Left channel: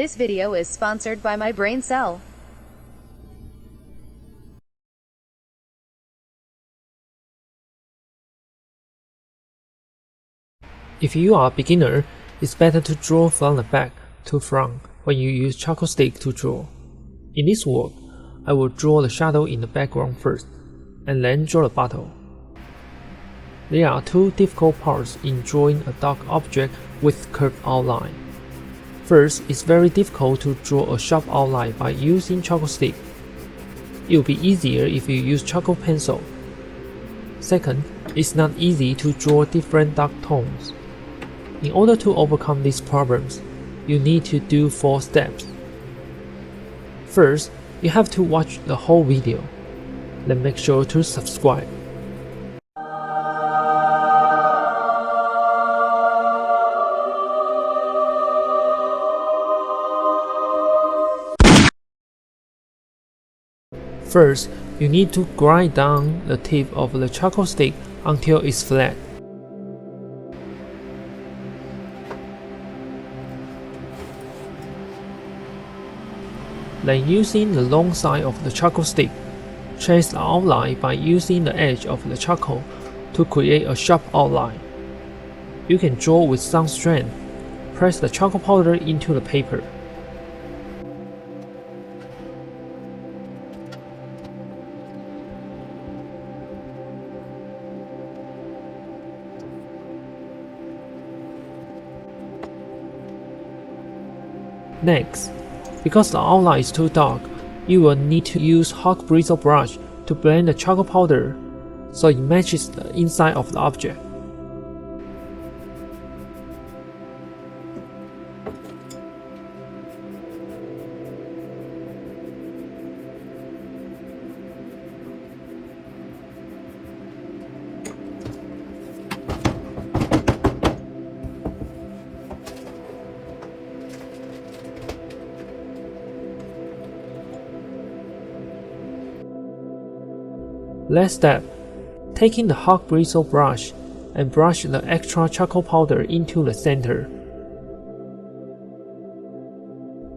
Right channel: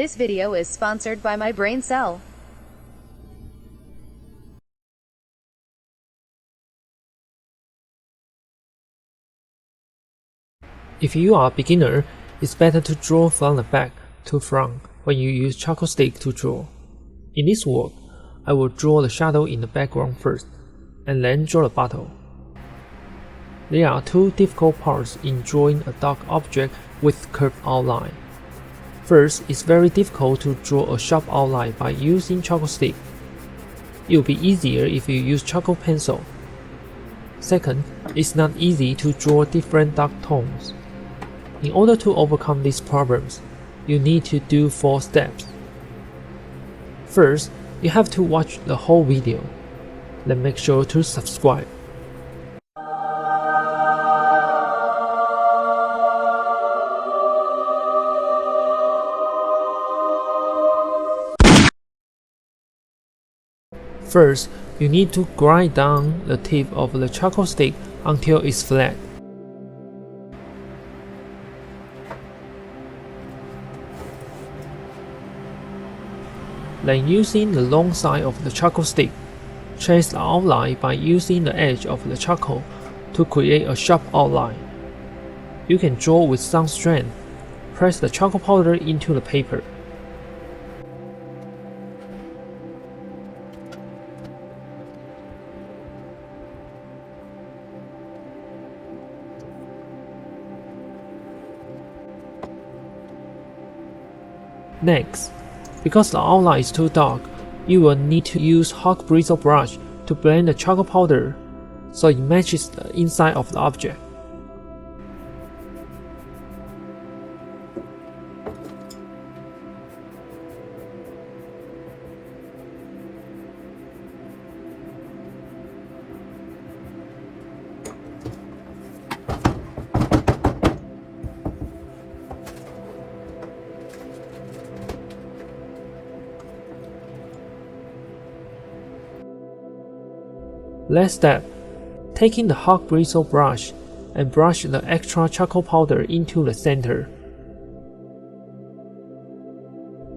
This video is sponsored by my brain cell. If you are a beginner, it's better to draw from the back to front when you use charcoal stick to draw. In this work, I will draw the shadow in the background first, and then draw the bottle. There are two difficult parts in drawing a dark object with curved outline. First, it's very difficult to draw a sharp outline by using charcoal stick. It will be easier if you use charcoal pencil. Second, it's not easy to draw different dark tones. In order to overcome these problems, you need to do 4 steps. You have to watch the whole video, then make sure to subscribe. First, you need to grind down the tip of the charcoal stick until it's flat. Then using the long side of the charcoal stick, trace the outline by using the edge of the charcoal to create a sharp outline. You can draw with some strength. Press the charcoal powder into the paper. Next, because the outline is too dark, you will need to use hot bristle brush to blend the charcoal powder so it matches the inside of the object. Last step, taking the hot bristle brush and brush the extra charcoal powder into the center.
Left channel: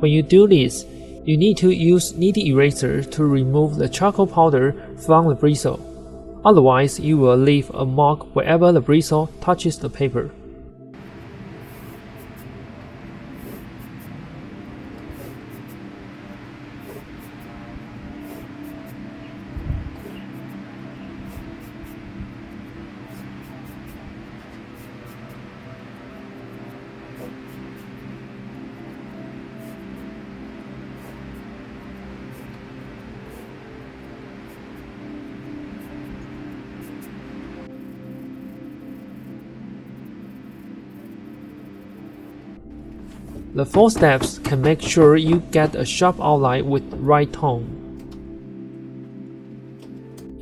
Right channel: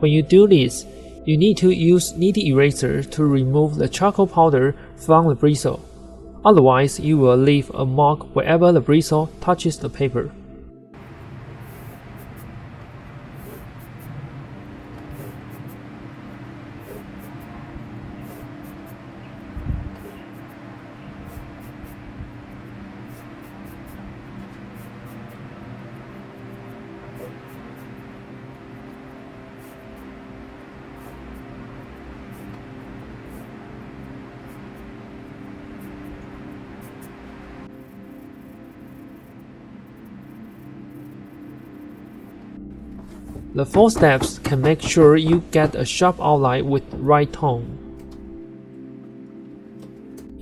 When you do this, you need to use midi eraser to remove the charcoal powder from the bristle. Otherwise, you will leave a mark wherever the bristle touches the paper. The 4 steps can make sure you get a sharp outline with the right tone.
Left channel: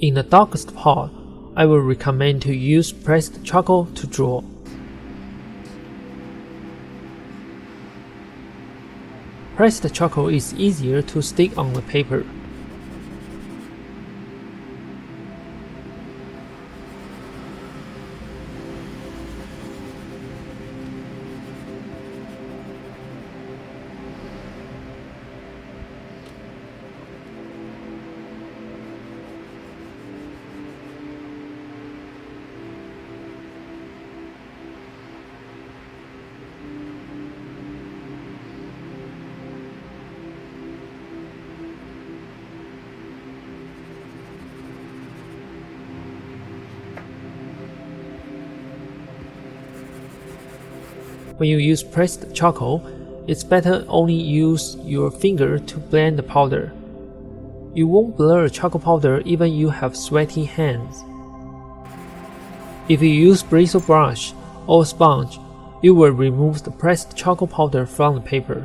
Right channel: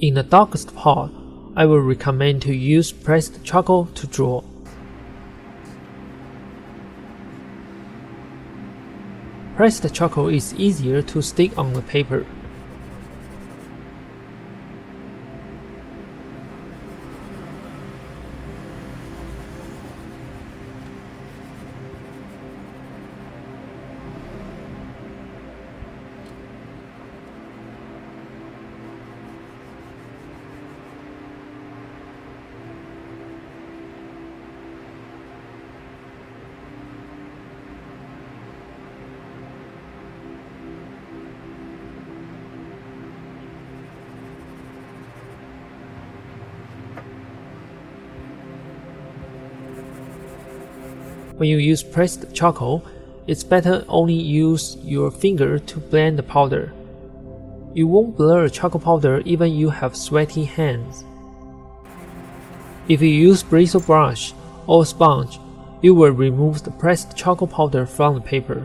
In the darkest part, I will recommend to use pressed charcoal to draw. Pressed charcoal is easier to stick on the paper. When you use pressed charcoal, it's better only use your finger to blend the powder. You won't blur charcoal powder even you have sweaty hands. If you use bristle brush or sponge, it will remove the pressed charcoal powder from the paper.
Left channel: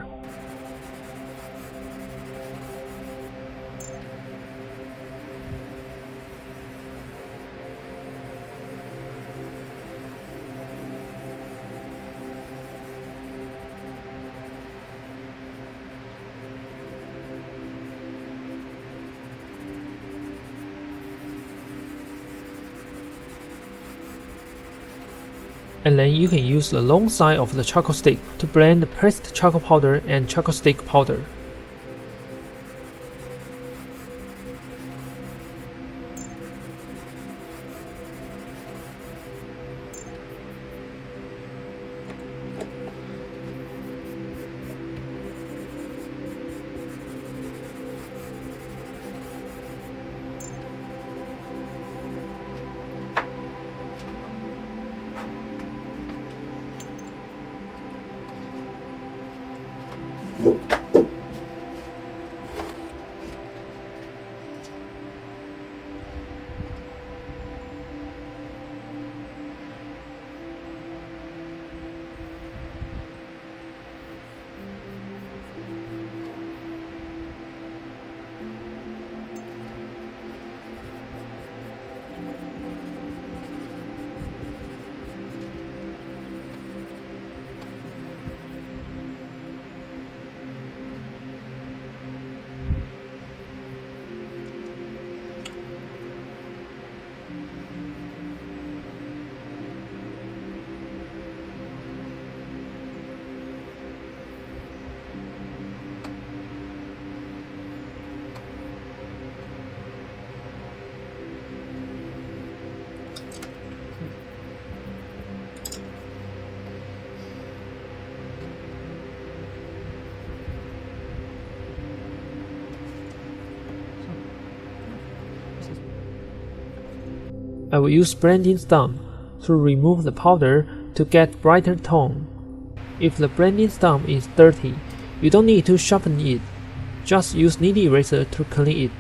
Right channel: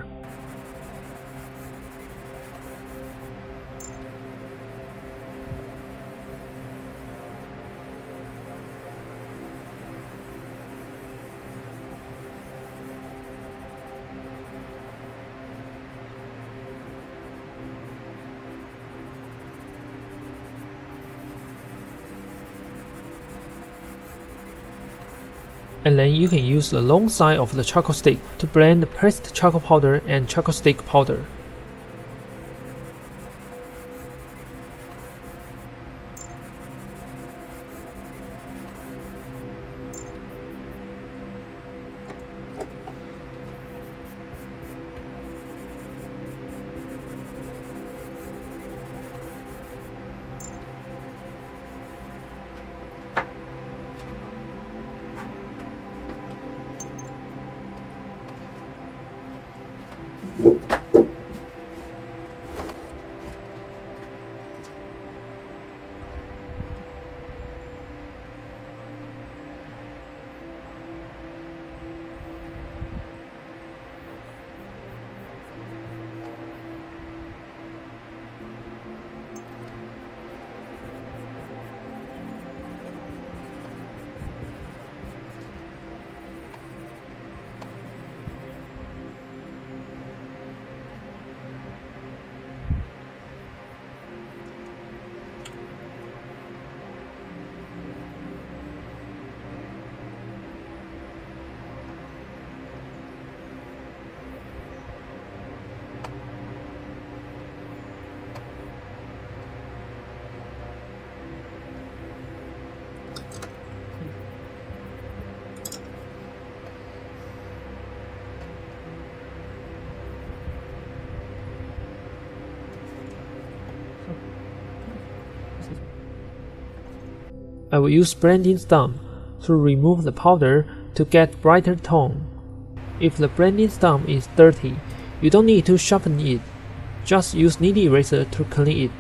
And then you can use the long side of the charcoal stick to blend the pressed charcoal powder and charcoal stick powder. I will use blending stump to remove the powder to get brighter tone. If the blending stump is dirty, you don't need to sharpen it. Just use knead eraser to clean it.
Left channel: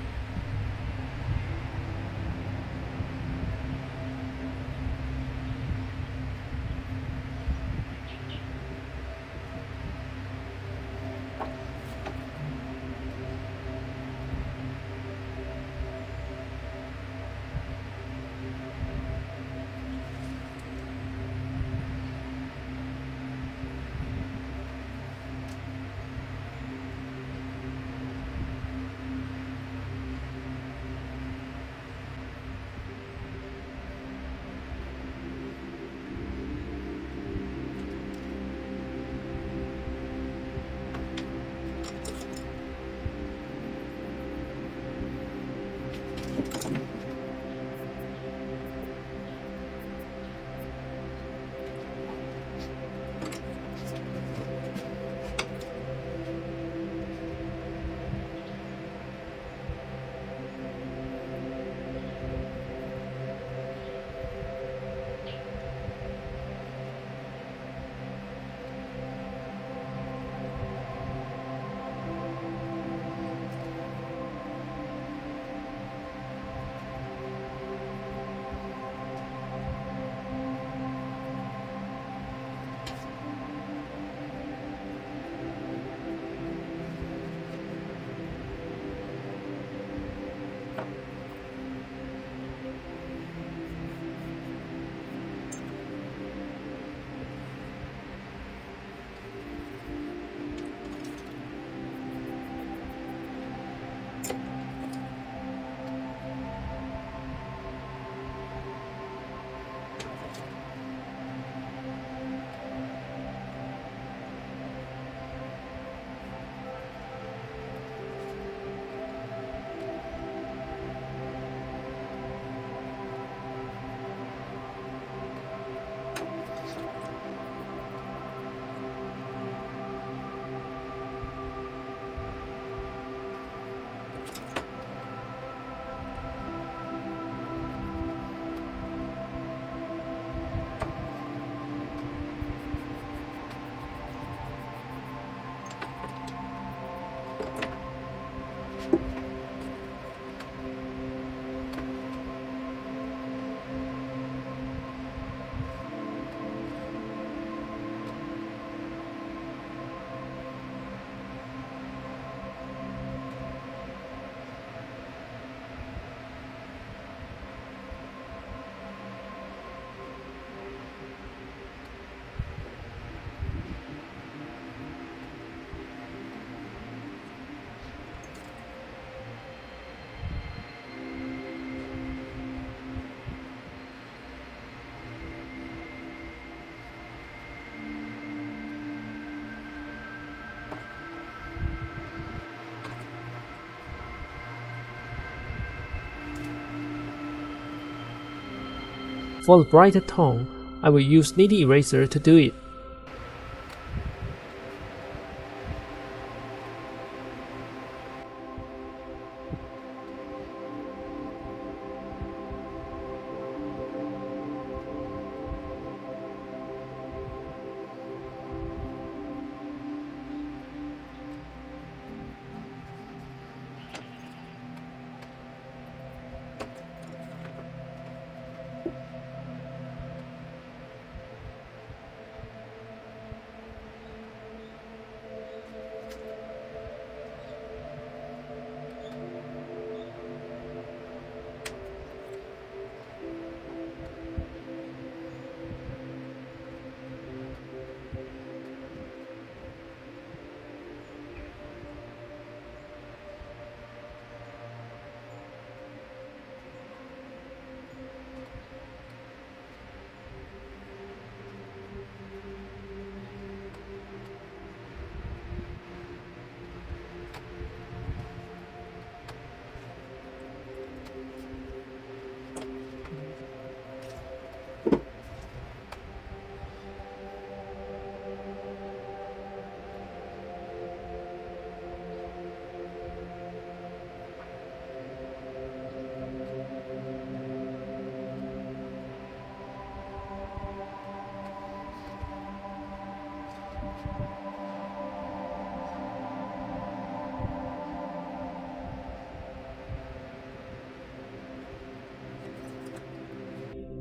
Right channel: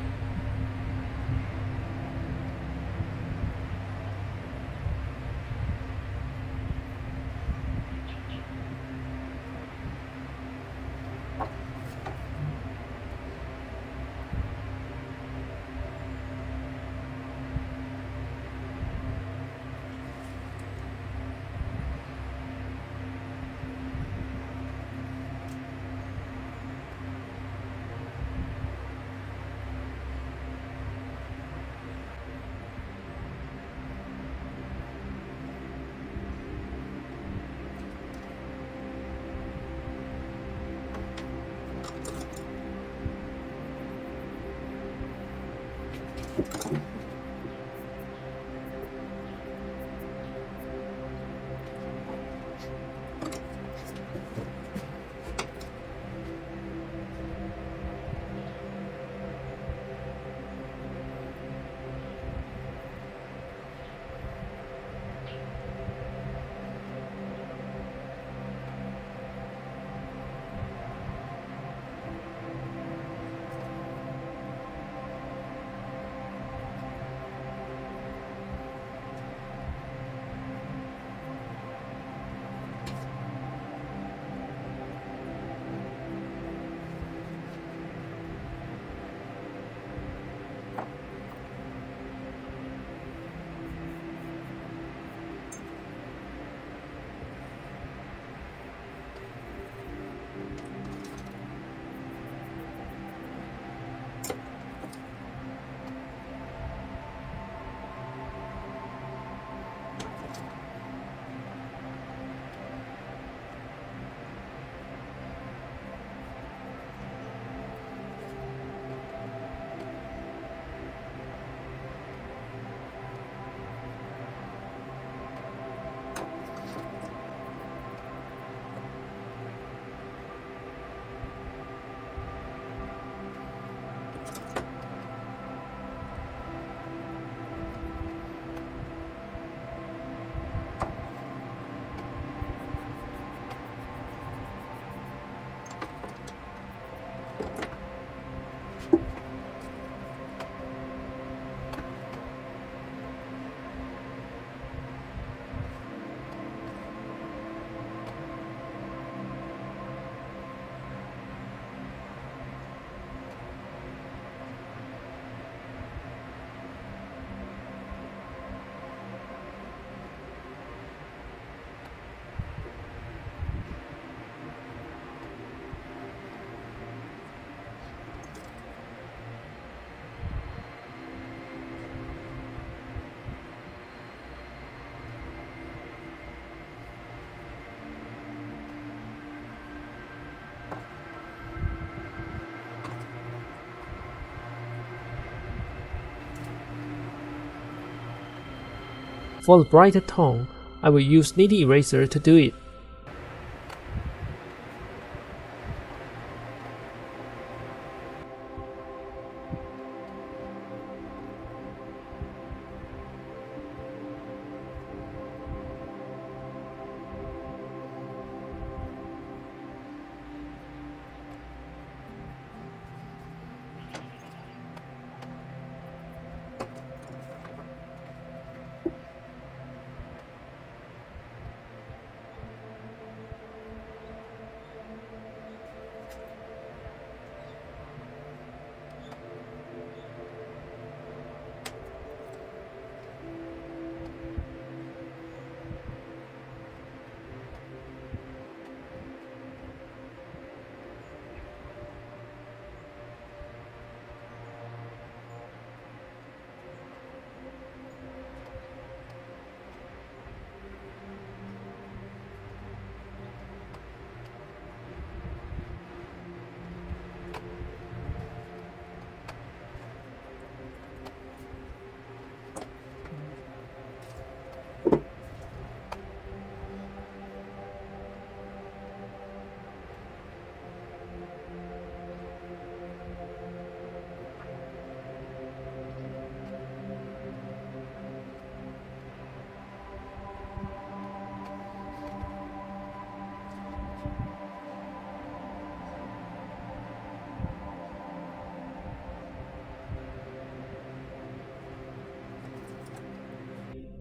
For the brighter tone, I will use Nitty Eraser to do it.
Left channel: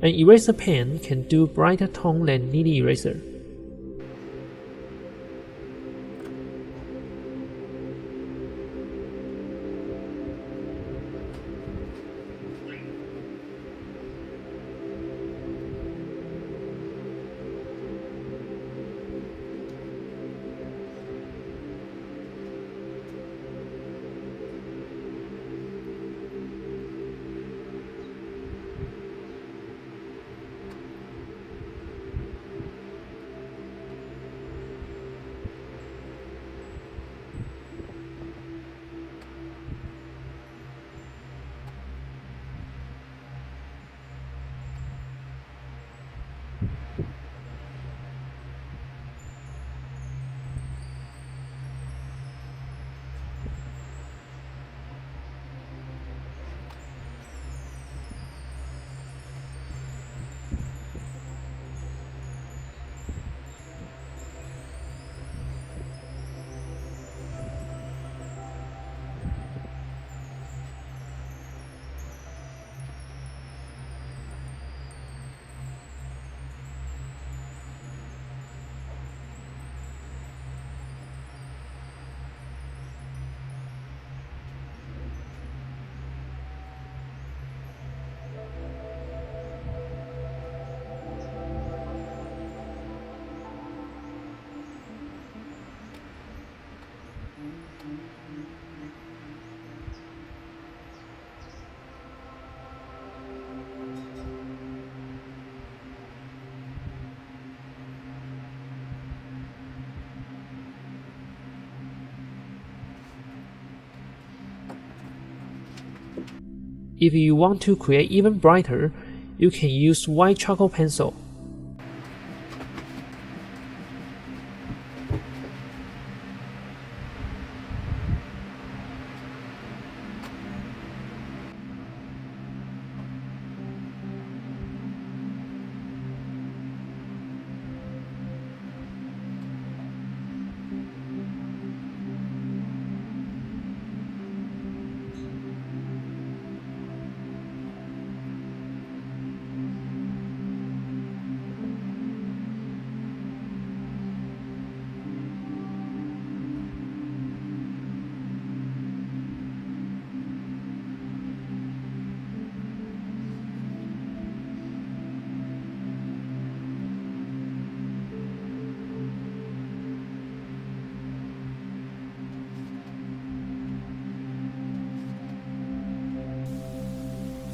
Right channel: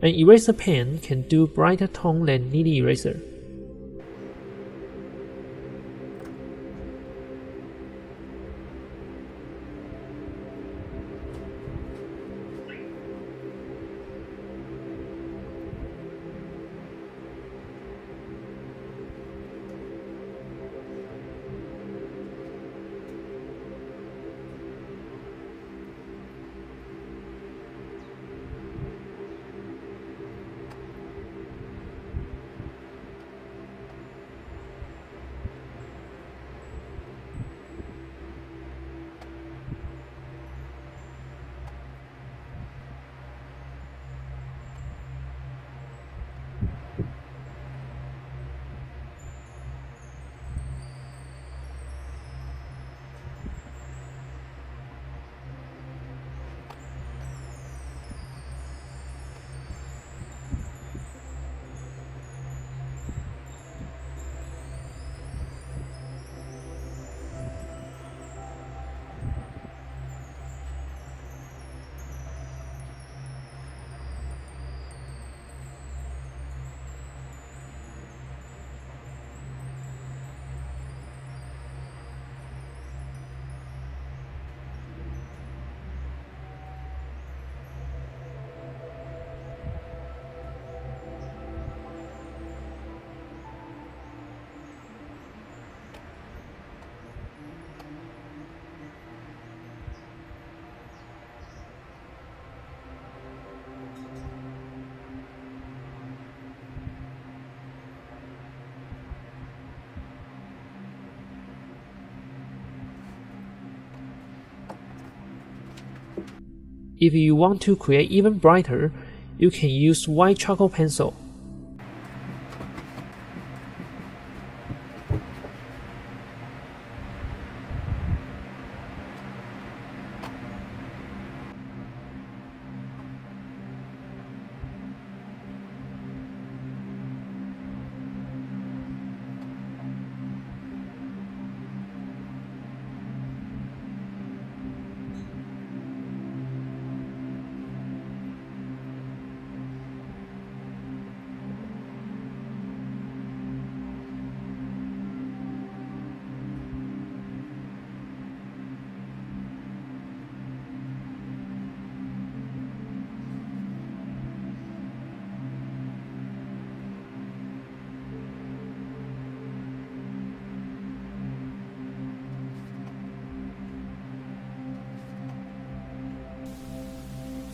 An eraser pen can do brighter tone than Nitty Eraser. If you want to create even brighter, you can use white charcoal pencil.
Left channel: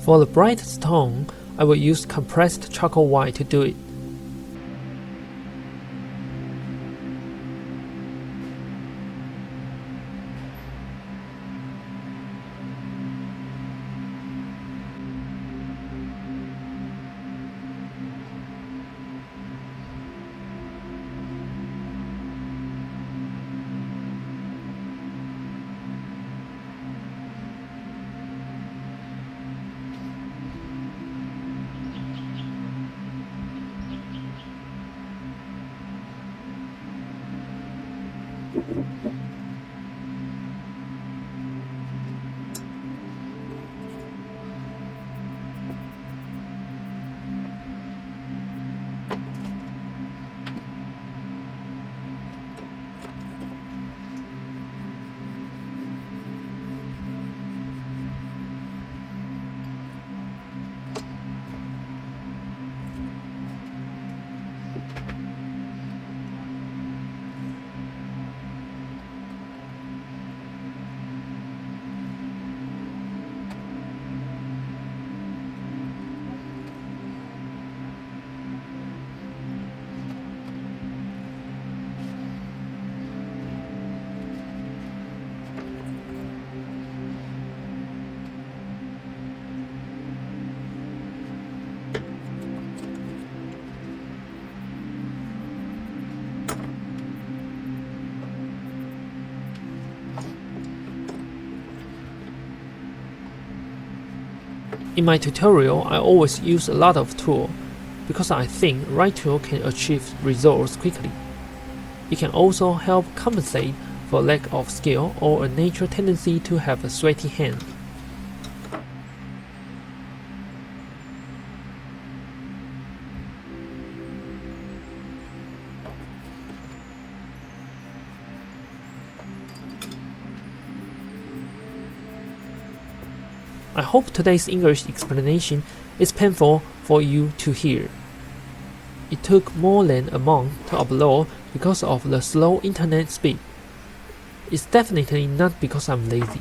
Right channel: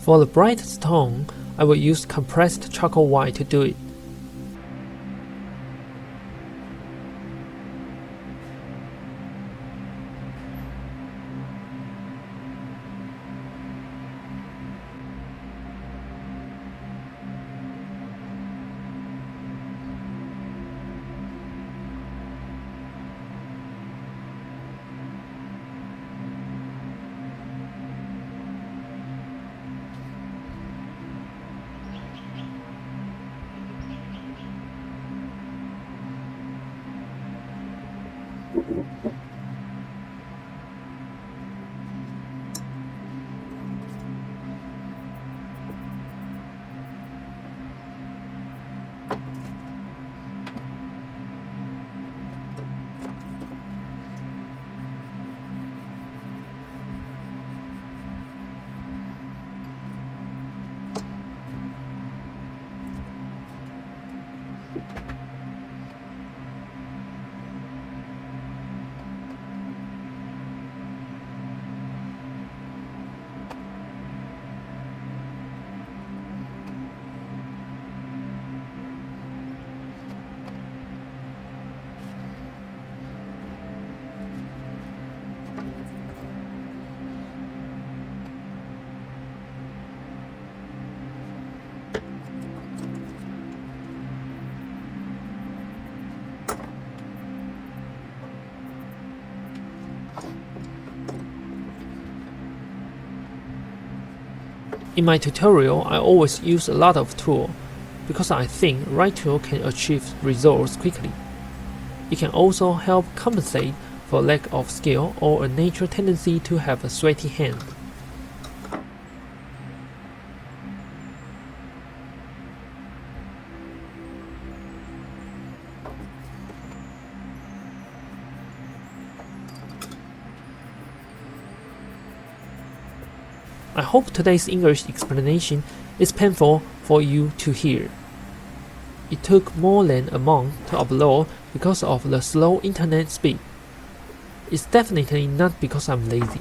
For the brightest tone, I will use compressed charcoal white to do it. In my tutorial, I always use a lot of tool because I think right tool can achieve results quickly. It can also help compensate for lack of skill or a natural tendency to have a sweaty hand. I hope today's English explanation is painful for you to hear. It took more than a month to upload because of the slow internet speed. It's definitely not because I'm lazy.